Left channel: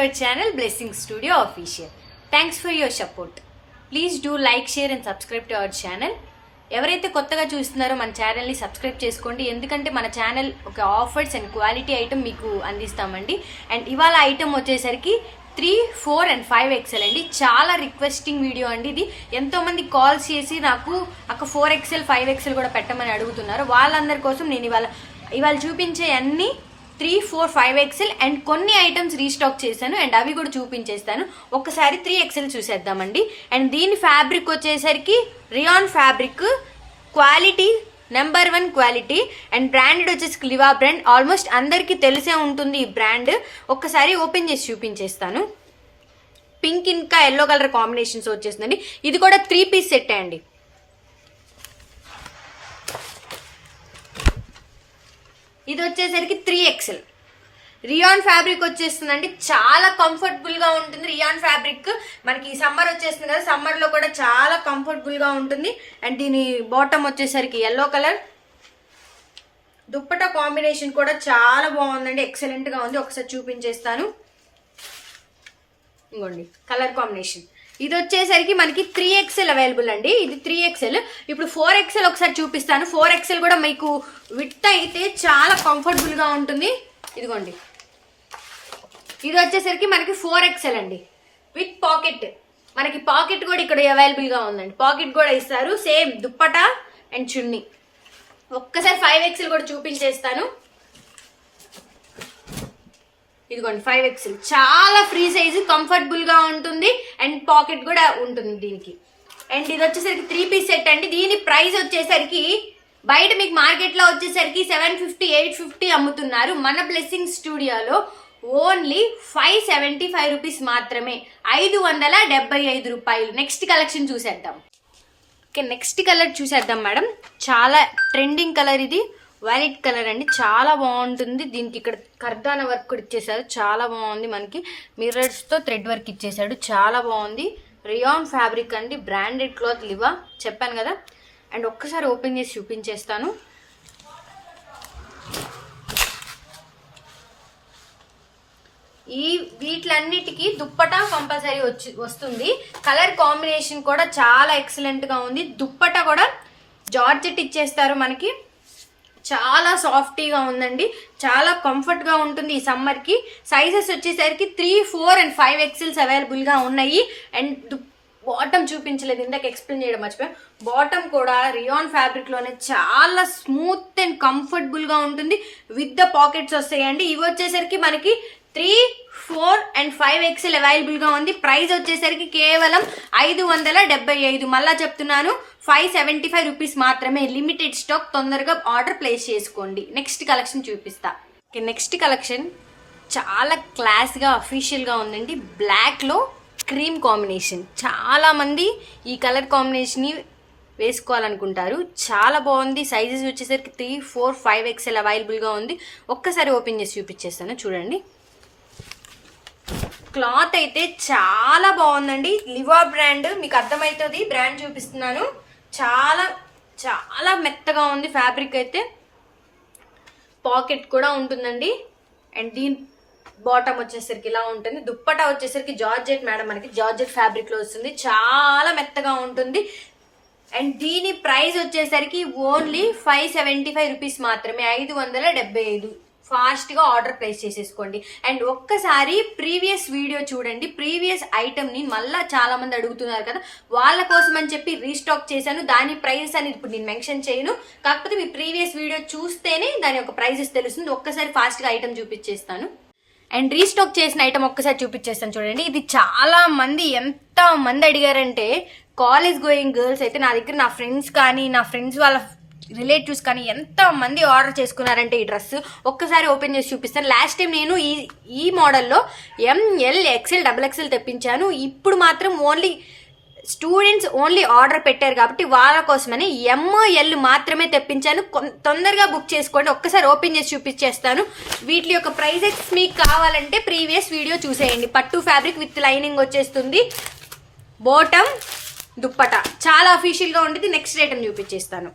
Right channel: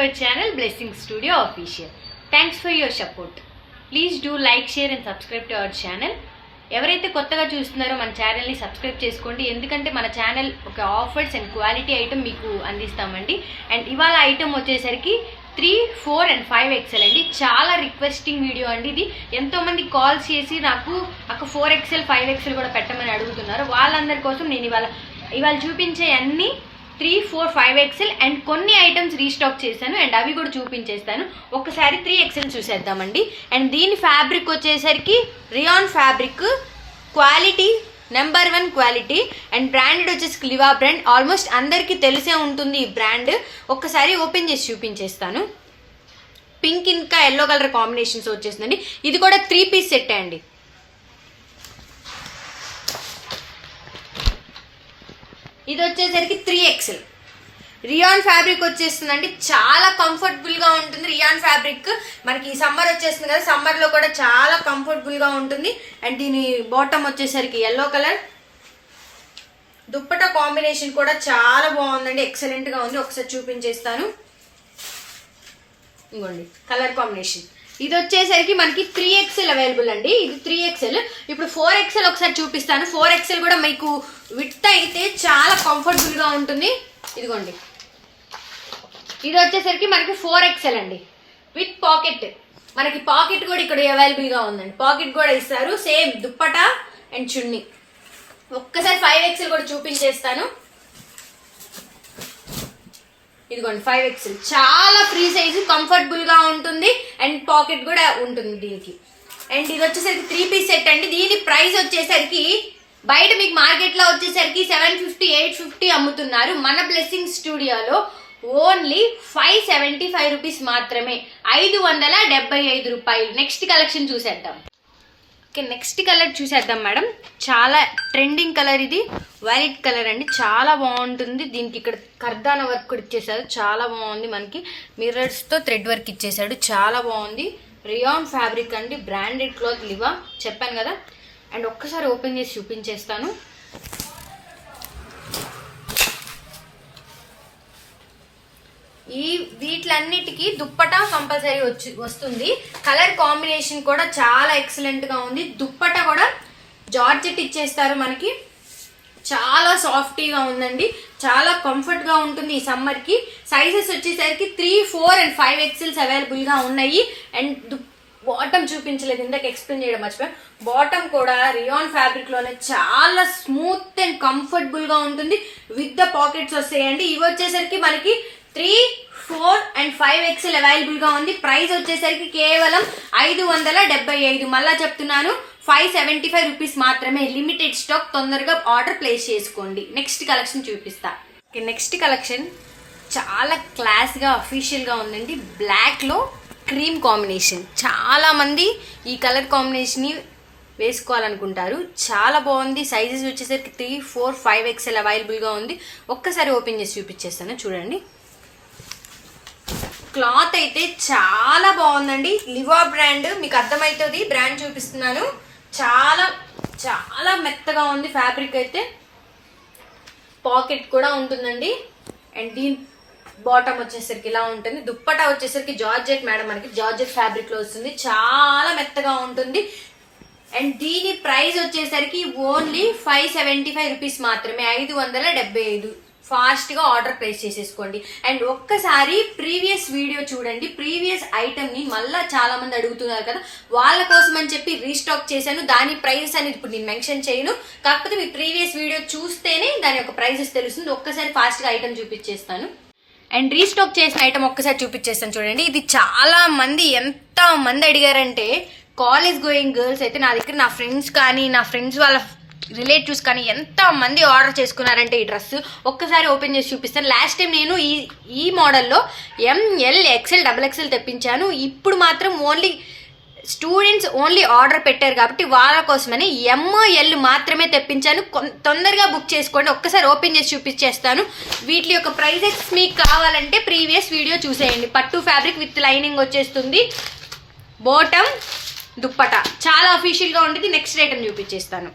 your channel Blessing Studio Official. Thanks for your support. Please do like, share and subscribe to our channel. ఎవరైతే కొత్తగా చూస్తున్నారో మన ఛానల్ని subscribe చేసుకోండి. ఎందుకంటే మన ఛానల్ ఒక ఆఫర్స్ అండ్ క్వాలిటీ ఐటమ్ మీకు అందిస్తామండి. అండ్ ఇవాళ ఐటమ్ వచ్చేసరికి 3, 4 and 5 XL అండి. చాలా రిక్వెస్టింగ్ వీడియో అండి ఇది. ఎంతోమంది కాల్స్ చేసి నాకు అక్క 4 XL 5 XL కూడా పెట్టమని అడుగుతున్నారు. వాళ్ళందరి కోసం నేను ఇవాళ చూపించే అన్ని 3, 4, 5 XL అండ్ కొన్ని ఐటమ్స్ రీస్టాక్ చేశాను అండ్ అవి కూడా చూపించేస్తాను. ఒకసారి 3 XL చూసేద్దామండి. అండ్ దీని ఫ్యాబ్రిక్ వచ్చేసరికి rayon fabric, quality number 1 quality and branded వచ్చేసి లివా బ్రాండ్. ఆల్మోస్ట్ అందరికీ తెలిసే ఉంటుంది ఈ బ్రాండ్. ఒక్కసారి ఓపెన్ చేసి చూపించేస్తాను. పింక్ ఇంకా ఎల్లో కలర్ కాంబినేషన్స్ వచ్చేసిందండి. ఇది కూడా 3 పీస్ సెట్ అండి. ఇది వచ్చేసరికి 3 XL రియాన్ ఫ్యాబ్రిక్ వచ్చేస్తుందండి. చాలా కంఫర్టబుల్ గా ఉంటుంది. రియాన్ ఫ్యాబ్రిక్ మనకి ఈ సమ్మర్ వచ్చేస్తుంది కదా, సమ్మర్ లో కూడా చాలా కంఫర్టబుల్ గా ఉంటుంది. అండ్ దీని బాటమ్ వచ్చేసరికి ఎల్లో కలర్. దుప్పటా కాంబినేషన్ కూడా చాలా బాగుందండి, ఎక్సలెంట్ గా ఉంది. ఒకసారి చూపించేస్తాను. ఇంకోండి కలర్ కాంబినేషన్. ఇది వచ్చేసరికి మనకి 3 XL అవైలబుల్ అండి. ఇది 3 XL. ఇప్పుడు 4 XL ఒకసారి చూపిస్తాను. 4 XL కూడా మీకు విడ్త్ అయితే చాలా కంఫర్టబుల్ గా ఉంటుంది. ఇదిగోండి, ఇది వచ్చేసరికి మనకి 4 XL అండి విత్ పాకెట్. మనకి పాకెట్ కూడా ఇక్కడ అవైలబుల్ గా ఉందండి. పాకెట్ కూడా ఇస్తారు. సేమ్ దుప్పటా అండ్ చున్నీ. ఒక్కసారి 5 XL కూడా చూపించేస్తాను. ఇదిగోండి 5 XL చాలా ఫ్రీ సైజు, కంఫర్టబుల్ గా ఉంటుంది అండ్ పాకెట్ కూడా ఉంటుంది దీనికి. అండ్ ఇది వచ్చేసరికి 3 పీస్ సెట్ అండి. దీని ప్రైస్ వచ్చేసరికి బయట మీకు మార్కెట్ లో వచ్చేసరికి 750, 850 అమ్ముతున్నారు. మన బ్లెస్సింగ్ స్టూడియోలో ఓన్లీ 575 రూపీస్ మాత్రమే, 575 రూపాయలు. నెక్స్ట్ కలెక్షన్ చూసేద్దాం. ఓకే, నెక్స్ట్ కలర్ చూసేద్దాం మేడం. చాలా ట్రెండింగ్ కలర్ ఇది, వైలెట్ కలర్ అండి. చాలా బాగుంటుంది. దీనికి ఇక్కడ కర్దాన వర్క్ కూడా ఇచ్చేసాడు, చాలా బాగుంది. మనకి మిర్రర్స్ తో థ్రెడ్ వర్క్ ఇచ్చేసాడు, చాలా బాగుంది. రియాన్ ఫ్యాబ్రిక్ అండి, బ్రాండెడ్ క్లాత్ లివా చెప్పాను కదా. అండ్ ఒక్కసారి ఓపెన్ చేసి చూపించేస్తాను. వీటిలన్నిటికీ దుప్పటా కంపల్సరీ వస్తుంది. కలర్ కాంబినేషన్ కూడా చాలా ఎక్సలెంట్ గా ఉంది. దుప్పటా కూడా జార్జెట్ ఇచ్చేస్తారు మనకి. చాలా సాఫ్టీగా ఉందండి, చాలా కంఫర్ట్ గా ఉంటుంది ఈ సమ్మర్ కి. సైజెస్ వచ్చేసరికి 3, 4 and 5 XLs అవైలబుల్ గా ఉన్నాయి. అండ్ బాటమ్ చూపించలేదు, ఇందాక ఎక్స్ప్లెయిన్ చేయడం మర్చిపోయాను. బాటమ్ కూడా రియాన్ ఫ్యాబ్రిక్ లోనే చాలా స్మూత్ అండ్ కంఫర్టబుల్ గా ఉంటుంది. విత్ ద పాకెట్స్ వస్తాయండి. ఇవి వచ్చేసరికి మనకి 3, 4 and 5 XL అవైలబుల్ గా ఉంది. ప్రైస్ వచ్చేసరికి కేవలం 575. మళ్ళా చెప్తున్నాను, 575 రూపీస్ మాత్రమే. లిమిటెడ్ స్టాక్, తొందరగా ఆర్డర్ ప్లేస్ చేసుకోండి. నెక్స్ట్ కలెక్షన్ చూపిస్తా. నెక్స్ట్ కలెక్షన్ చాలా క్లాస్ గా అఫీషియల్ గా ఉందండి. బ్లాక్ లో క్రీమ్ కాంబినేషన్. చాలా మంది ఈ కలర్ కాంబినేషన్ ని వేసుకోవాలనుకుంటారు. చాలా బాగుంది. సైజెస్ వచ్చేసరికి 3, 4, 5 XL అవైలబుల్ గా ఉంది. ఒక్కసారి ఓపెన్ చేసి చూపించేస్తాను, చూడండి. క్లాత్ అయితే చాలా బాగుందండి. లివా బ్రాండ్, మీకు అర్థమవుతుంది. బ్రాండ్ చూపిస్తున్నాను. చాలా చాలా మెత్తగా ఉంది ఫ్యాబ్రిక్ అయితే. పాకెట్ కూడా ఉంటుందండి. అండ్ దీని బాటమ్ వచ్చేసరికి ఇలా ఉంటుంది. దుప్పటా వచ్చేసరికి జార్జెట్ మేడం, మనకి జార్జెట్ ఫ్యాబ్రిక్ లో వస్తుంది. చాలా మెత్తగా ఉంటుంది. అండ్ దీని ప్రైస్ వచ్చేసరికి ఓన్లీ 575 రూపీస్ మాత్రమే, 575. ఫాస్ట్ గా ఆర్డర్ ప్లేస్ చేసేసుకోండి. అండ్ ఒక్కసారి ప్రీవియస్ వీడియో చూడండి. ప్రీవియస్ ఐటమ్ ని మళ్ళా చాలా మంది అడుగుతున్నారు కదా, వాళ్ళ కోసం అని చెప్పి రీస్టాక్ చేశాను. దాని ప్రైస్ అనేది ఇప్పుడు నేను మెన్షన్ చేయను. కాకపోతే మీ ప్రీవియస్ వీడియో చూస్తేనే దాని యొక్క ప్రైసెస్ తెలుస్తుంది. ఒక్కసారి ఫాస్ట్ గా ఐటమ్ చూపించేస్తాను. అండ్ రీస్టాక్ చేసిన ఐటమ్ ఒక్కసారి చూపించేస్తాను, చూడండి. ఇది చాలా మంది, ఎంత మంది అడిగారంటే, కాలేజ్ గోయింగ్ గర్ల్స్ అయితే నా దగ్గర, నా ఫ్రెండ్స్ కానీ, నా ఫ్రెండ్స్ వాళ్ళ రిలేటివ్స్ కానీ ఎంత మంది ఆర్డర్ చేసుకున్నారంటే ఈ డ్రెస్. ఒక్కసారి ఓపెన్ చేసి చూపిస్తాను. లాస్ట్ టైం నేను ఈ మోడల్లో ML, XL, XXL తెప్పించాను. ఇప్పుడు మాత్రం ఓన్లీ స్టూడెంట్స్ ఓన్లీ ఆర్డర్ పెట్టారు కాబట్టి వాళ్ళ కోసమని ML మాత్రమే తెప్పించాను. తొందరగా బుక్ చేసుకోండి. ఒక్కసారి ఓపెన్ చేసి చూపించేస్తాను. వీటి యొక్క ప్రైజెస్ మీకు కావాలంటే ప్రీవియస్ వీడియో చూసేయండి. పట్టు ఫ్యాబ్రిక్ విత్ లైనింగ్ వచ్చేస్తుంది. బాటమ్, దుప్పటా చాలా అఫీషియల్ గా ఉంటుంది. నెక్స్ట్ ఐటమ్ చూపించేస్తాను.